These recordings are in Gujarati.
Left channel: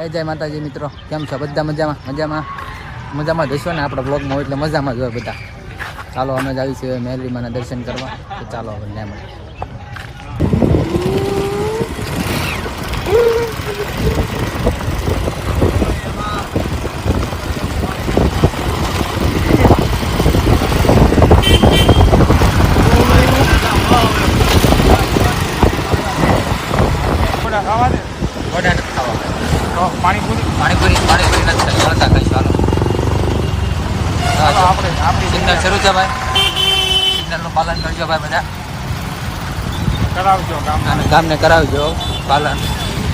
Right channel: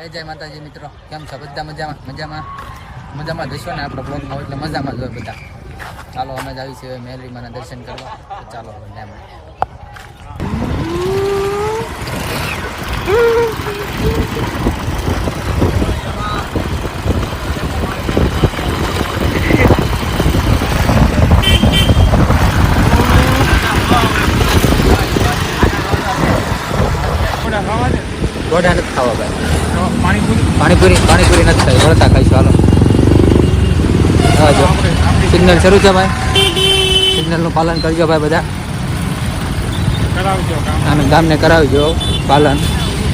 એ જય માતાજી મિત્રો. કેમ છો? બધા મજામાં? મજામાં? મજામાં જશો ને આપણા બ્લોગમાં હોય એટલે મજામાં જ હોય બધા. ચાલો અમે જ આવી છીએ મેલરીમાના દર્શન કરવા. તો ચાલો હવે ને મળીએ ગોઢા નથી ખાવા ભાઈ. પાણીપુરી? પાણીપુરી નથી ખાઈ વળતા ખાઈશું હાલો. આવજો સિગ્નલ શરૂ છે ભાઈ. સિગ્નલનું પાલન કરજો ભાઈ બધા. અને ગામને કરાવજો પાલન.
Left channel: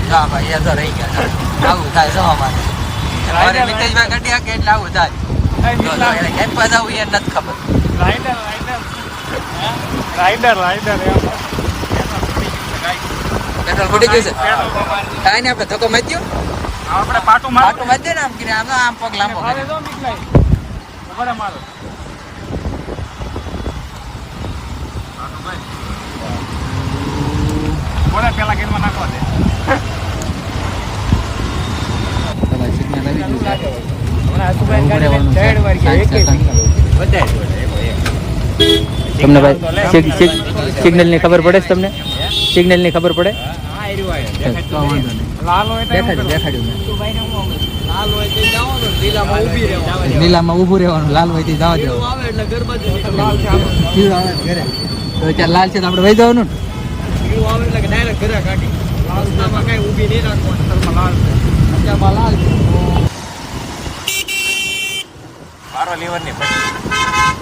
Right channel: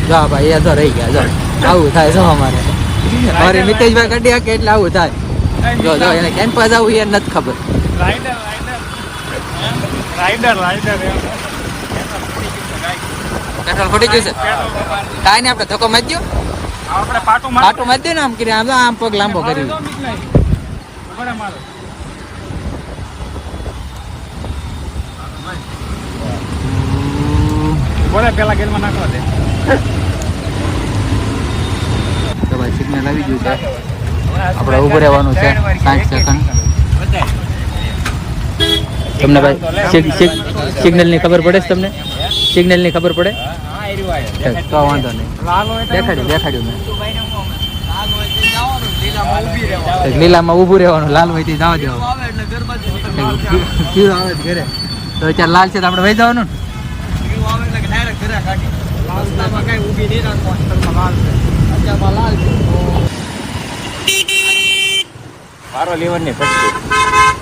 જો ભાઈ એ તો રહી ગયા. જો આવું થાય શું અમારે. અમારે મિતેશભાઈ કાઢી હાકે એટલે આવું થાય. જો જો એને કેમ્પસ આવું એ નથી ખબર. આના ગયું છે. કાંઈ નહીં આપણે ધક્કો મચ્યો પાટું મચ્યો ને આમ કરી આમ આમ પગ લાંબો કરી. બોલે પેલા ગેરમાં નાખવા દે. તો ભાઈ સિગ્નલ આવી ગયું છે. આપણે ઉભું રહેવાનું છે. સાઠ સેકન્ડ તમને ભાઈ સિગ્નલની ખબર પડે છે તમને? સિગ્નલની ખબર પડે? તો વાંધો નહીં. દેખાડ્યું દેખાડ્યું મેં. લીલામાં ઊભું રહેવાનું. લાલ હોય જવા દેવાનું શિવ આવે છે ઘરે. તો ક્યાં લાલ છે તો આપણે વહી જવાનું ને? મારો લીવરની પછી